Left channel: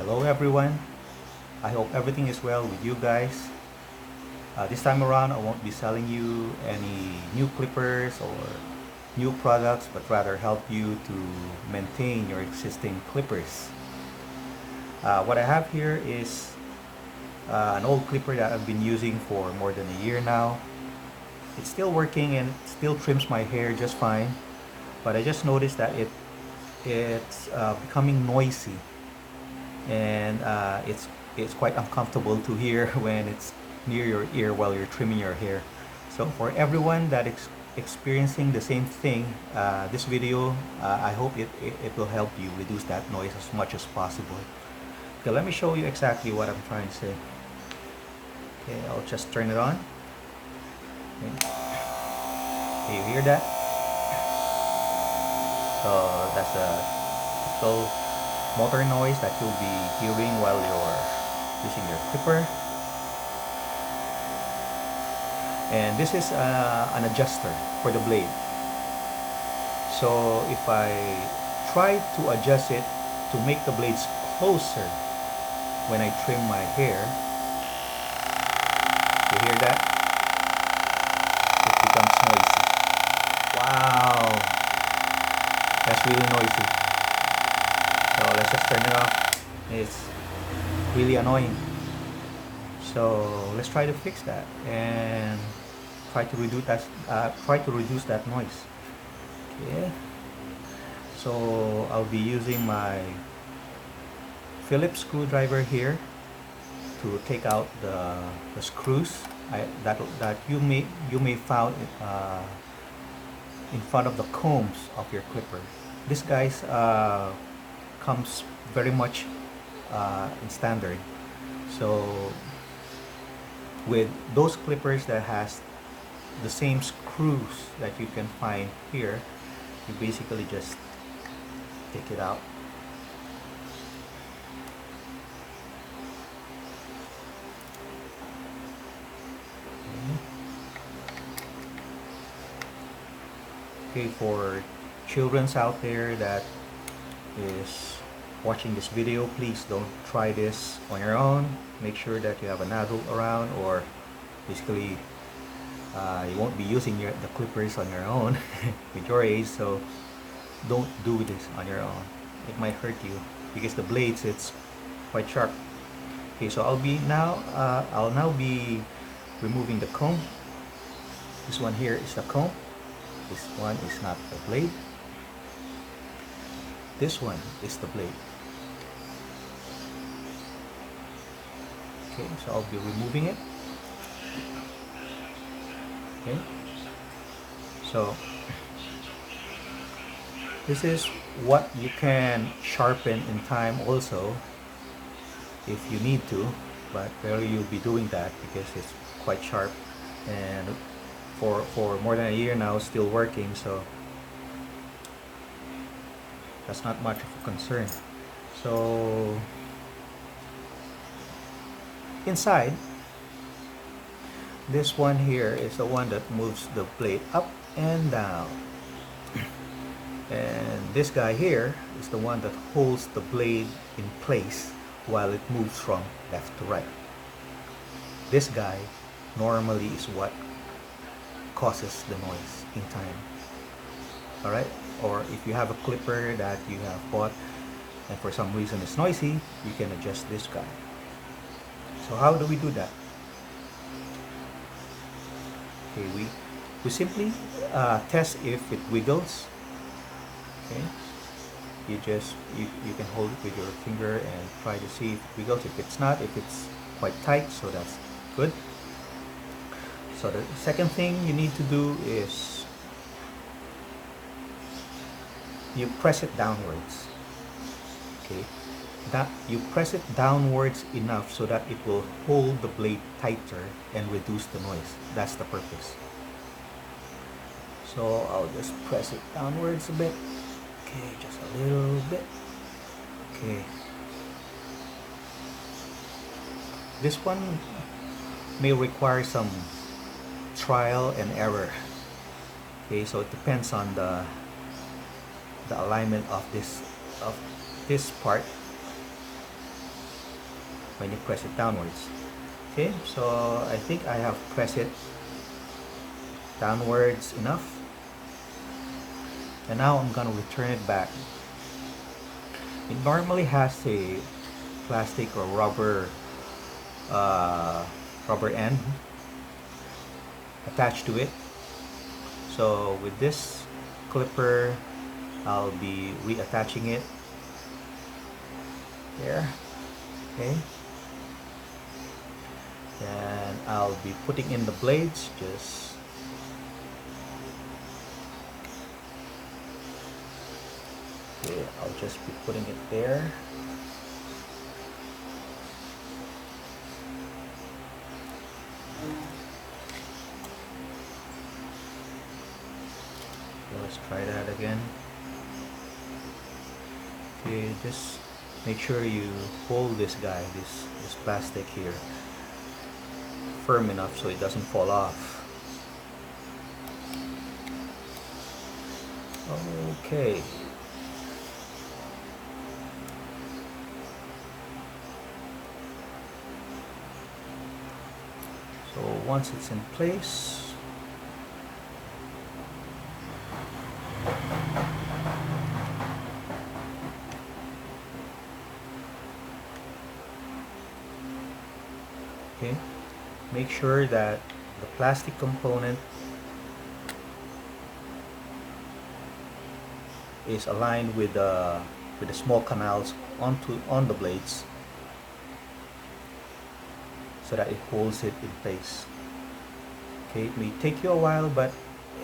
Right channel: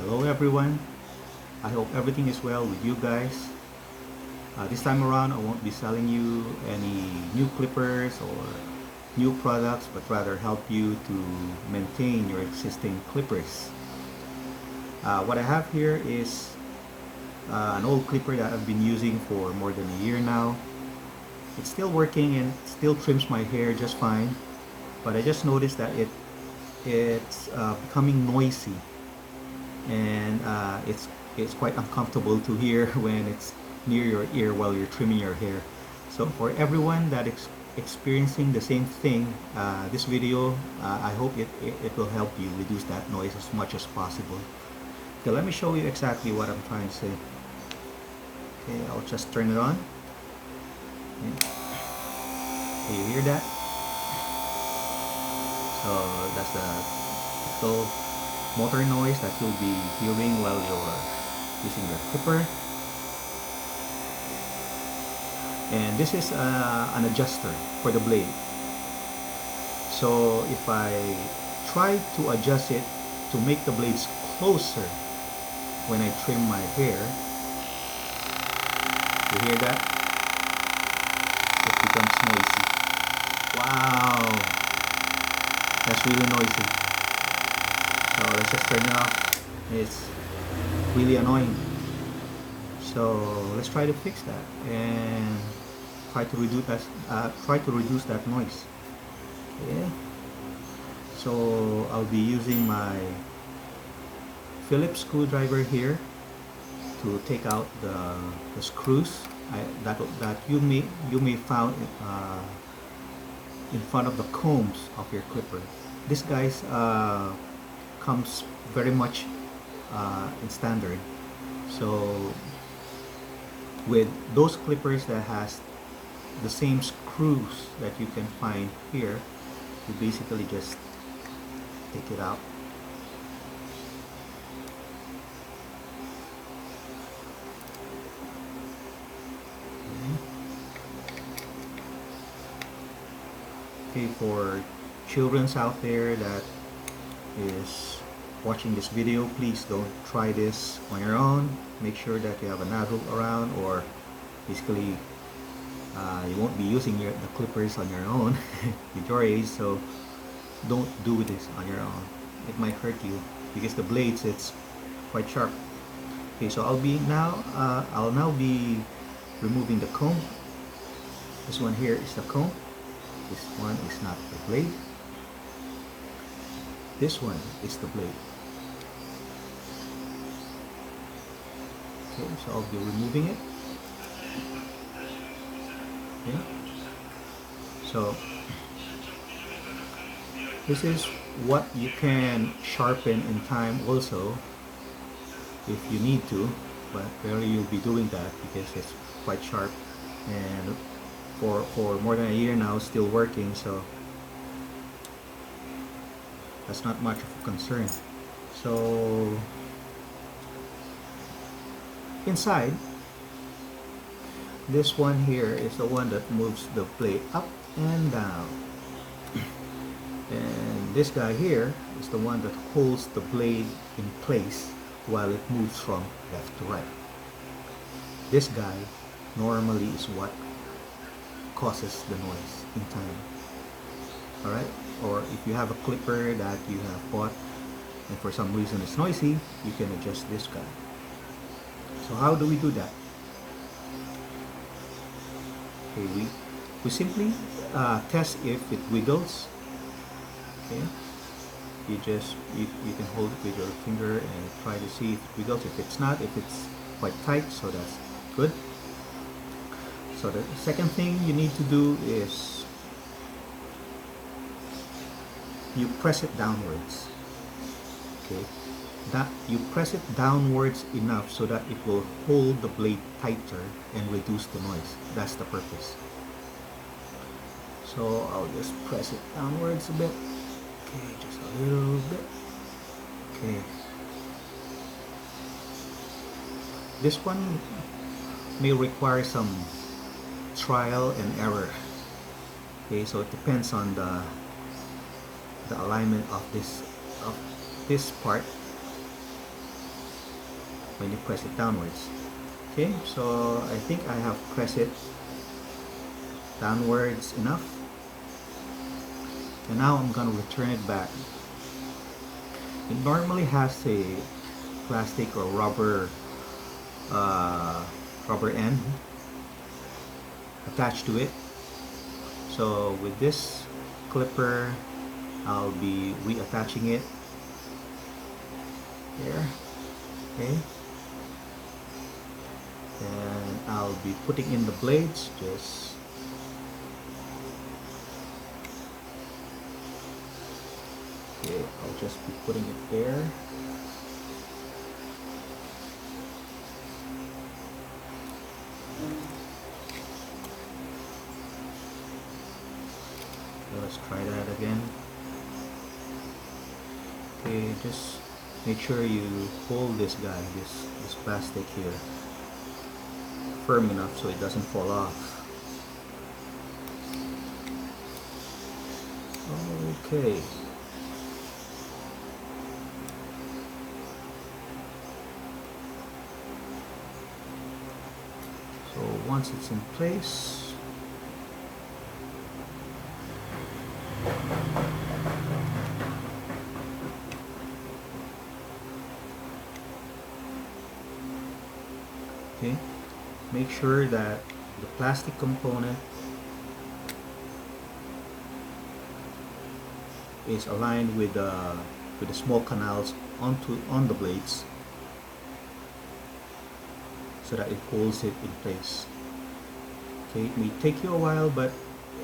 Hello everyone. I hope everything is well with you guys. This time around, I won't be selling you any new clippers or new products, but rather help you to maintain your existing clippers. What I have here is an old clipper that I've been using for more than a year now. It's still working and still trims my hair just fine, but I just noticed that it's becoming noisy, and it's quite uncomfortable to hear when it's near your ear while you're trimming your hair. So for everyone that is experiencing the same thing, this video, I hope it will help you reduce that noise as much as possible. Okay, let me show you exactly what I'm trying to say. Okay, I'll just turn it on. Okay, you hear that? So that's a typical motor noise that you'll be hearing while you're using your clipper. And this is an adjuster for the blade. So if I try to adjust it to make the blades closer when I trim my hair, you hear that? It becomes noisy. Wow, that's really noisy. So let's just turn it off. It's really annoying. So let's try to fix that and try to reduce that noise. Okay. So I'll be using my Phillips screwdriver here to take out the screws that you may found in front of the combs of your clipper. This guys comes very much in standard. So with those clippers that has the same screws that you can find here, you basically just take it out. Okay, for children's out there that is watching this video, please don't try this on your own. Make sure that you have an adult around, or basically you won't be using the clippers on your own with your age, so don't do this on your own. It might hurt you because the blades, it's quite sharp. Okay, so I'll now be removing the comb. This one here is the comb. This one is not the blade. This one is the blade. Okay, so I'll be removing it. Okay. So this is what you can sharpen in time also if you need to, but rarely you'll be doing that because it's quite sharp, and for more than a year now still working, so that's not much of a concern. So inside, this one here is the one that moves the blade up and down, and this guy here is the one that holds the blade in place while it moves from left to right. This guy normally is what causes the noise in time. Alright? Or if you have a clipper that you have bought and for some reason it's noisy, you can adjust this guy. So how do we do that? Okay, we simply test if it wiggles. Okay, you can hold it with your finger and try to see if it wiggles. If it's not, if it's quite tight, so that's good. So the second thing you need to do is you press it downwards. Okay, that you press it downwards enough so that it will hold the blade tighter and reduce the noise. That's the purpose. So I'll just press it downwards a bit. Okay, just a little bit. Okay. This one may require some trial and error. Okay, so it depends on the alignment of this part. when you press it downwards. Okay, so I think I have pressed it downwards enough, and now I'm gonna return it back. It normally has a plastic or rubber end attached to it. So with this clipper, I'll be reattaching it here. Okay, and I'll be putting in the blades. Just okay, I'll just be putting it there. Let's try that again. Okay, just make sure you hold this guy, this plastic here, firm enough so it doesn't fall off. Okay. So once it's in place, okay, make sure that the plastic component is aligned with the small canals on the blades, so that it holds it in place. Okay, it may take you a while, but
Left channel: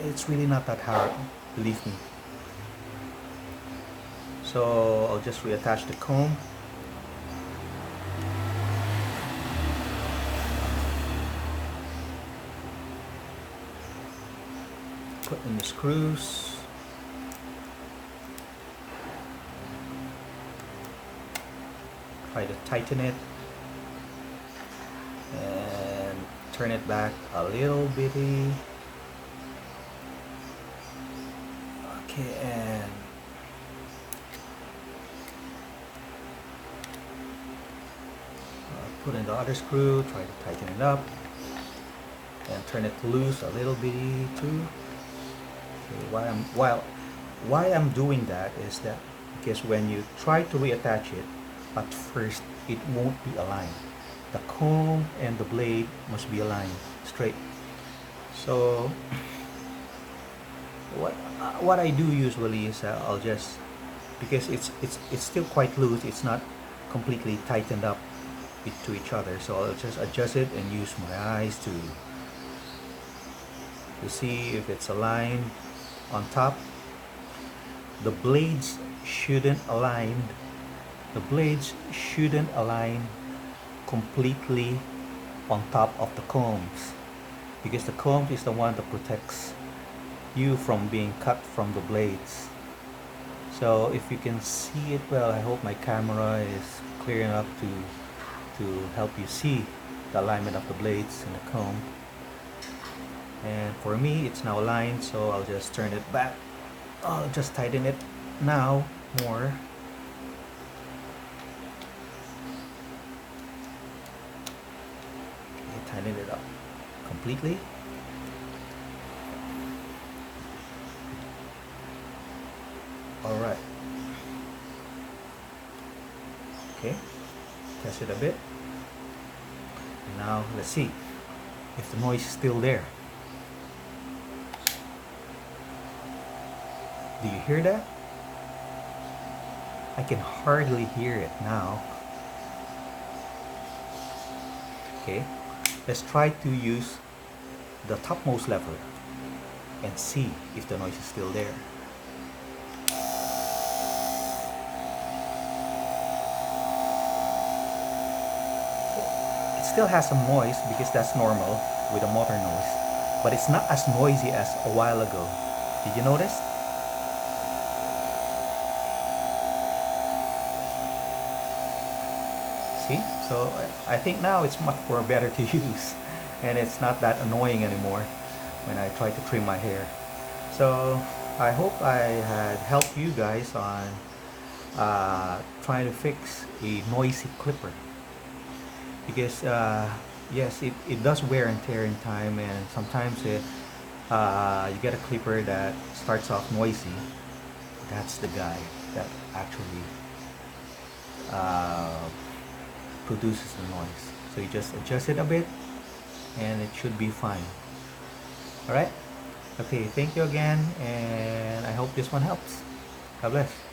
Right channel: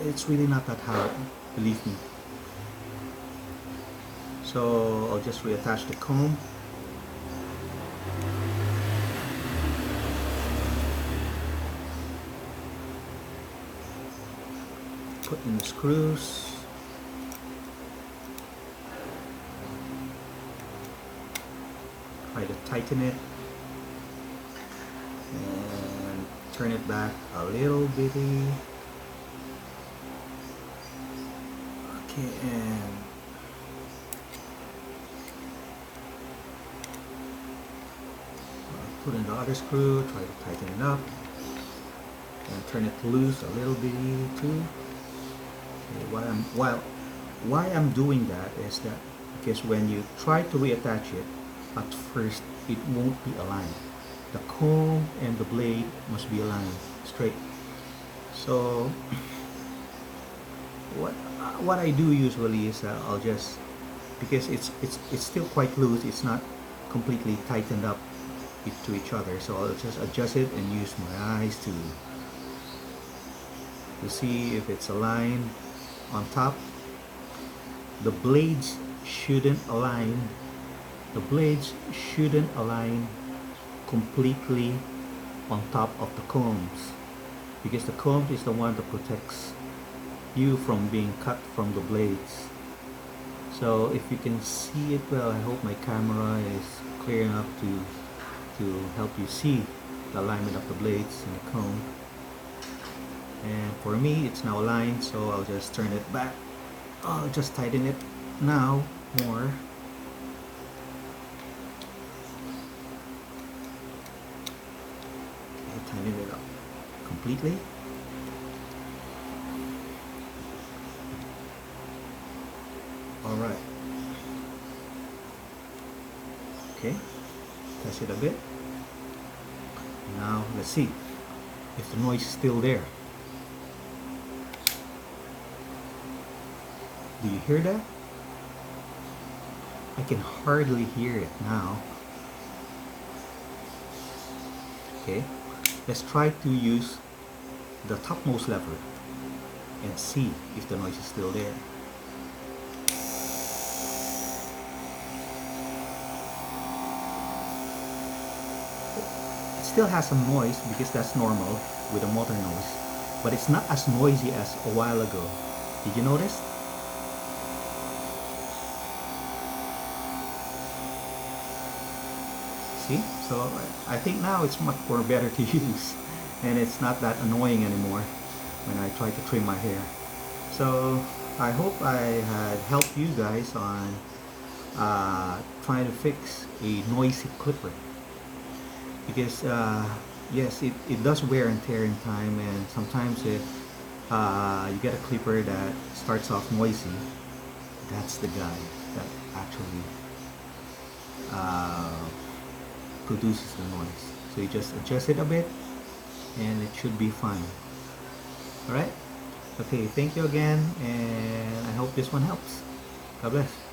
it's really not that hard, believe me. So I'll just reattach the comb. Put in the screws. Try to tighten it and turn it back a little bitty. Okay, and put in the other screw, try to tighten it up and turn it loose a little bitty too. Why I'm doing that is that because when you try to reattach it, at first it won't be aligned. The comb and the blade must be aligned straight. So what I do usually is I'll just, because it's still quite loose, it's not completely tightened up to each other, so I'll just adjust it and use my eyes to see if it's aligned. On top, the blades shouldn't align completely on top of the combs, because the comb is the one that protects you from being cut from the blades. So if you can see it well, I hope my camera is clear enough to help you see the alignment of the blades and the comb. And for me, it's now aligned, so I'll just turn it back. I'll just tighten it now more. Okay, tighten it up completely. All right. Okay, press it a bit. Now let's see if the noise is still there. Do you hear that? I can hardly hear it now. Okay, let's try to use the topmost lever and see if the noise is still there. It still has some noise because that's normal with a motor noise, but it's not as noisy as a while ago. Did you notice? See? So I think now it's much more better to use, and it's not that annoying anymore when I try to trim my hair. So I hope I had helped you guys on trying to fix a noisy clipper. because yes, it does wear and tear in time, and sometimes you get a clipper that starts off noisy. That's the guy that actually uh, produces the noise. So you just adjust it a bit and it should be fine. Alright? Okay, thank you again, and I hope this one helps. God bless.